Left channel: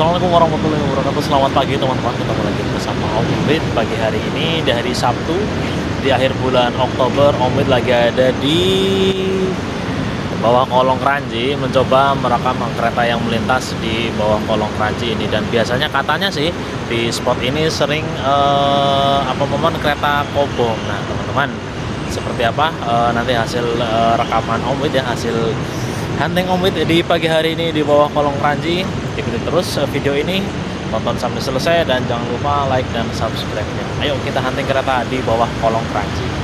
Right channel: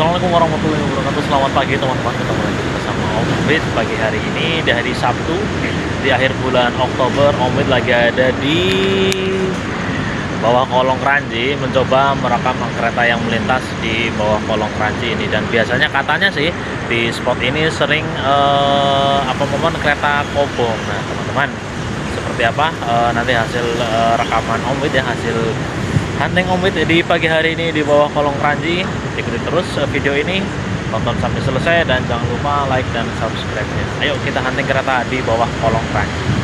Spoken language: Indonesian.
Assalamualaikum warahmatullahi wabarakatuh. Selamat pagi teman-teman. Ketemu lagi bersama Om Wid pagi hari ini di hari Sabtu di akhir bulan Oktober. Om Wid lagi ada di bawah kolong Kranji mencoba merekam kereta yang melintas di bawah kolong Kranji ini. Dan biasanya katanya sih di spot ini sering momen kereta kobong. Nah teman-teman, seperti apa nanti hasil rekaman Om Wid ya, hasil hunting Om Wid di pagi hari ini di bawah kolong Kranji. Ikuti terus video ini, tonton sampai selesai dan jangan lupa like dan subscribe-nya. Ayo kita hunting kereta di bawah kolong Kranji.